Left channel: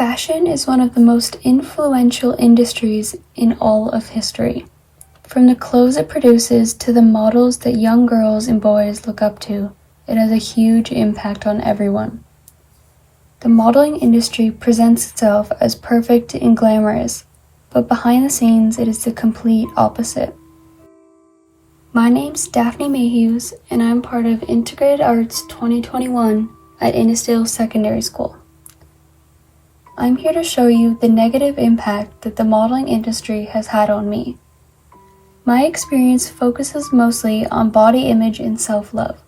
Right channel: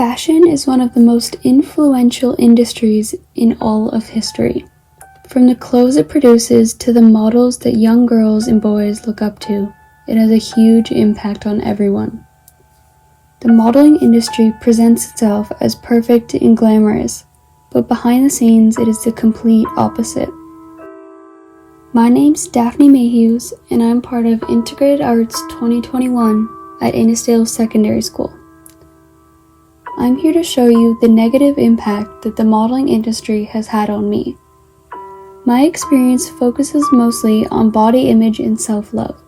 Fashion is one of the most influential industries in all of history. From the clothes it produces to the models that young girls and boys look up to, it has a huge impact on everyone. The modeling industry presents itself as perfect and glamorous, but behind the scenes it is the complete opposite. My name's Daphne Mehuys, and I'm part of Integrated Arts 2021 at Innisdale Secondary School. I'm here to show you the negative impact that the modeling industry has had on me. My experience focuses mostly on body image and self-love.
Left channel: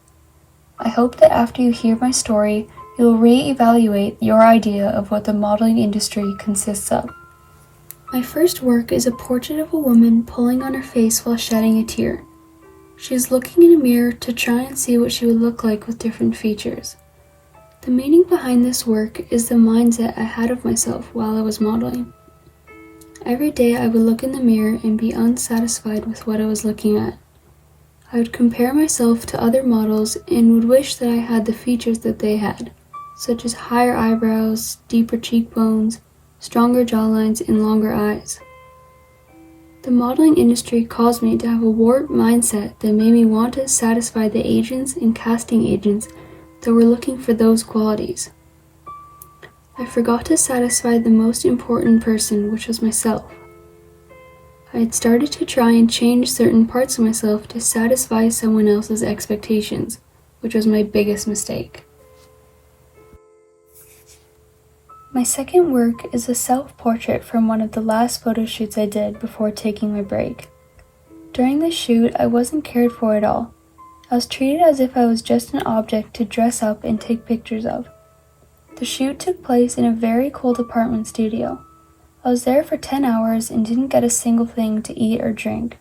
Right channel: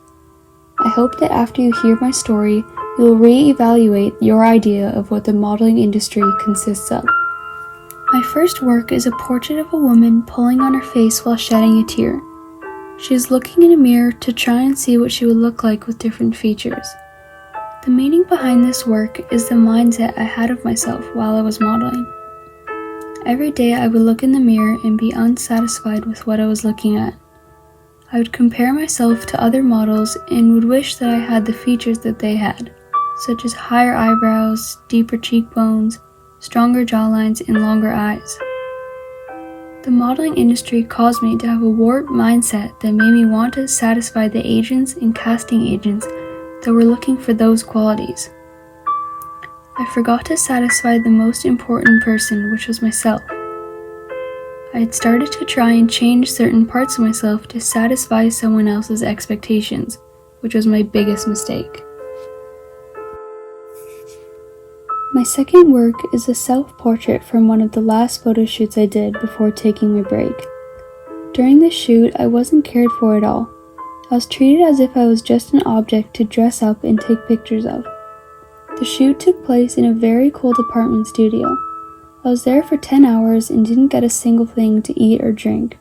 I hope that after you hear my story, you will re-evaluate your idea of what the modeling industry consists of. My first work is a portrait of a woman pulling on her face while shedding a tear. She is looking in a mirror to try and see what she would look like with different features. The meaning behind this work is the mindset I had of myself while I was modeling. Every day I would look in the mirror and be unsatisfied with what I was looking at. I would compare myself to other models and would wish that I had the features that they had, such as higher eyebrows, deeper cheekbones, stronger jawlines, and longer eyes. The modeling industry caused me to have a warped mindset that made me want to satisfy the agents and casting agents that were looking for those qualities. I forgot to satisfy the most important person, which was myself. I had started to try and change certain parts of myself to satisfy someone else's expectations, which was my biggest mistake. My second work is a self-portrait from one of the last photo shoots I did before taking my break. During this shoot, I wasn't cared for at all. I was treated as if I was just an object to dress up and take pictures of. The shoot took place in a very cold apartment studio. I was there for 10 hours and didn't get a single thing to eat or drink.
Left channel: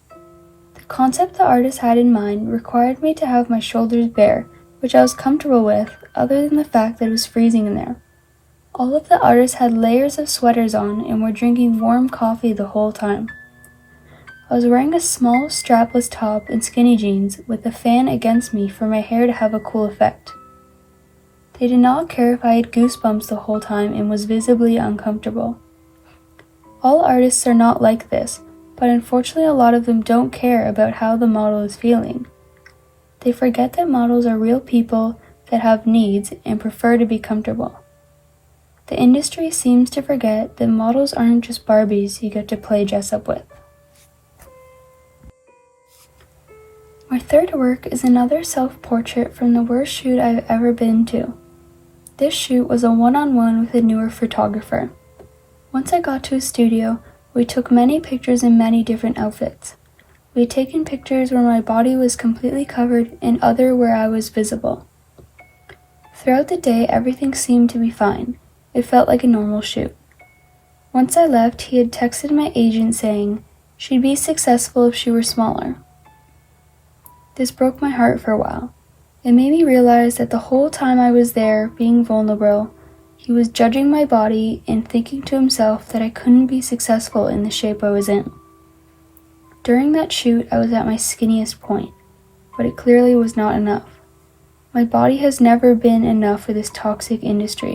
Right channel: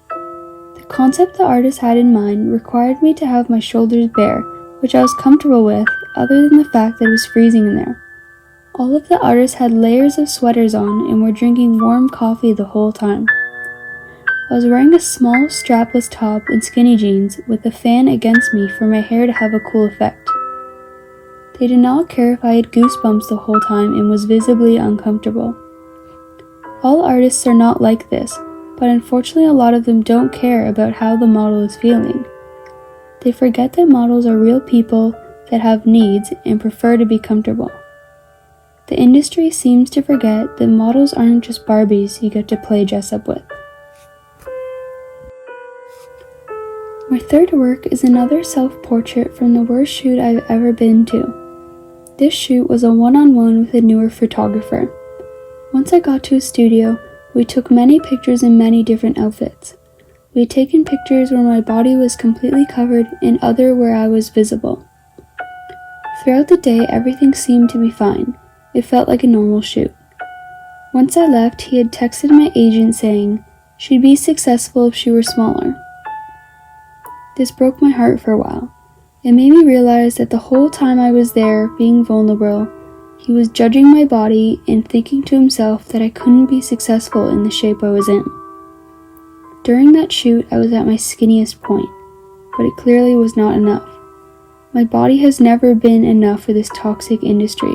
The concept the artist had in mind required me to have my shoulders bare, which I was comfortable with other than the fact that it was freezing in there. All of the artists had layers of sweaters on and were drinking warm coffee the whole time. I was wearing a small strapless top and skinny jeans with a fan against me for my hair to have a cool effect. They did not care if I had goosebumps the whole time and was visibly uncomfortable. All artists are not like this, but unfortunately a lot of them don't care about how the model is feeling. They forget that models are real people that have needs and prefer to be comfortable. The industry seems to forget that models aren't just Barbies you get to play dress up with. My third work is another self-portrait from the worst shoot I've ever been to. This shoot was a one-on-one with a newer photographer. Once I got to a studio, we took many pictures in many different outfits. We had taken pictures where my body was completely covered and other where I was visible. Throughout the day, everything seemed to be fine. It felt like a normal shoot. Once I left, he had texted my agent saying she'd be successful if she were smaller. This broke my heart for a while. It made me realize that the whole time I was there, being vulnerable, he was judging my body and thinking to himself that I couldn't be successful in the shape I was in. During that shoot, I was at my skinniest point, but it clearly was not enough. My body has never been enough for this toxic industry.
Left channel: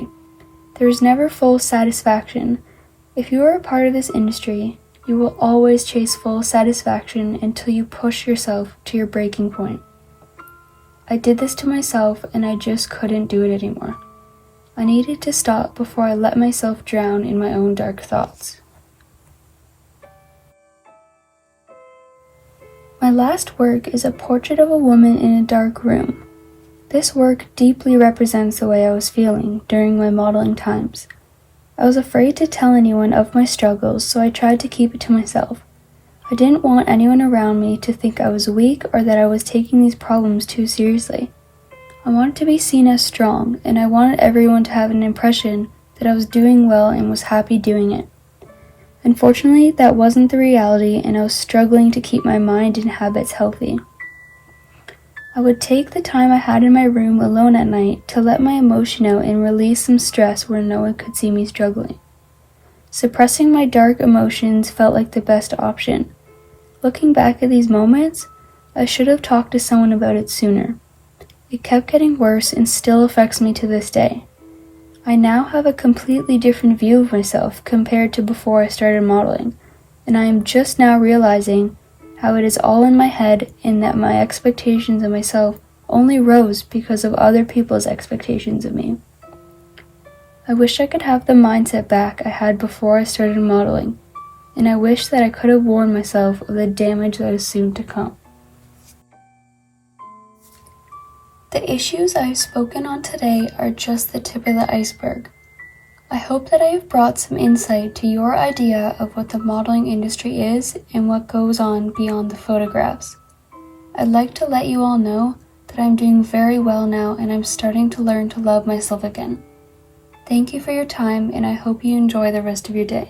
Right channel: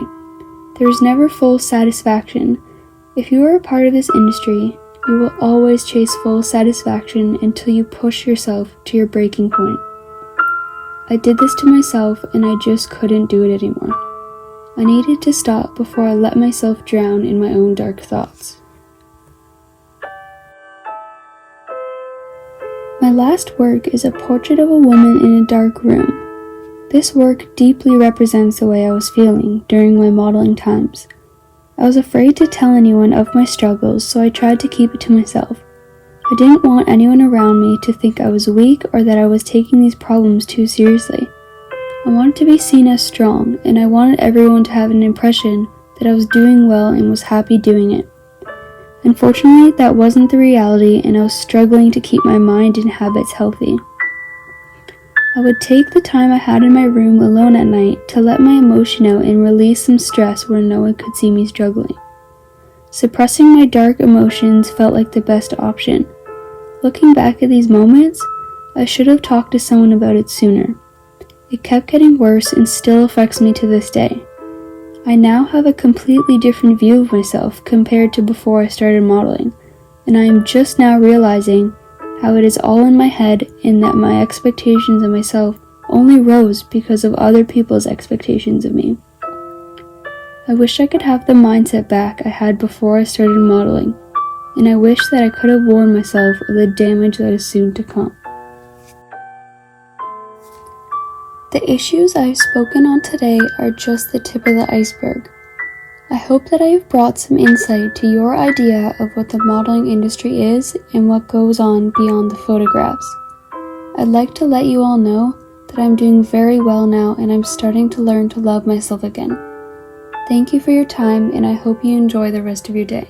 There is never full satisfaction. If you are a part of this industry, you will always chase full satisfaction until you push yourself to your breaking point. I did this to myself and I just couldn't do it anymore. I needed to stop before I let myself drown in my own dark thoughts. My last work is a portrait of a woman in a dark room. This work deeply represents the way I was feeling during my modeling times. I was afraid to tell anyone of my struggles, so I tried to keep it to myself. I didn't want anyone around me to think I was weak or that I was taking these problems too seriously. I wanted to be seen as strong, and I wanted everyone to have an impression that I was doing well and was happy doing it. Unfortunately, that wasn't the reality, and I was struggling to keep my mind and habits healthy. I would take the time I had in my room alone at night to let my emotion out and release some stress where no one could see me struggling. Suppressing my dark emotions felt like the best option. Looking back at these moments, I should have talked to someone about it sooner. It kept getting worse and still affects me to this day. I now have a completely different view of myself compared to before I started modeling, and I am just now realizing how it is all in my head and that my expectations of myself only rose because of other people's expectations of me. I wish I could have the mindset back I had before I started modeling, and I wish that I could have warned myself of the damage that is soon to come. The issues I have spoken on today are just the tip of the iceberg. I hope that I have brought some insight to your idea of what the modeling industry is and what goes on beyond the photographs. I'd like to let you all know that I'm doing very well now and I'm starting to learn to love myself again. Thank you for your time, and I hope you enjoy the rest of your day.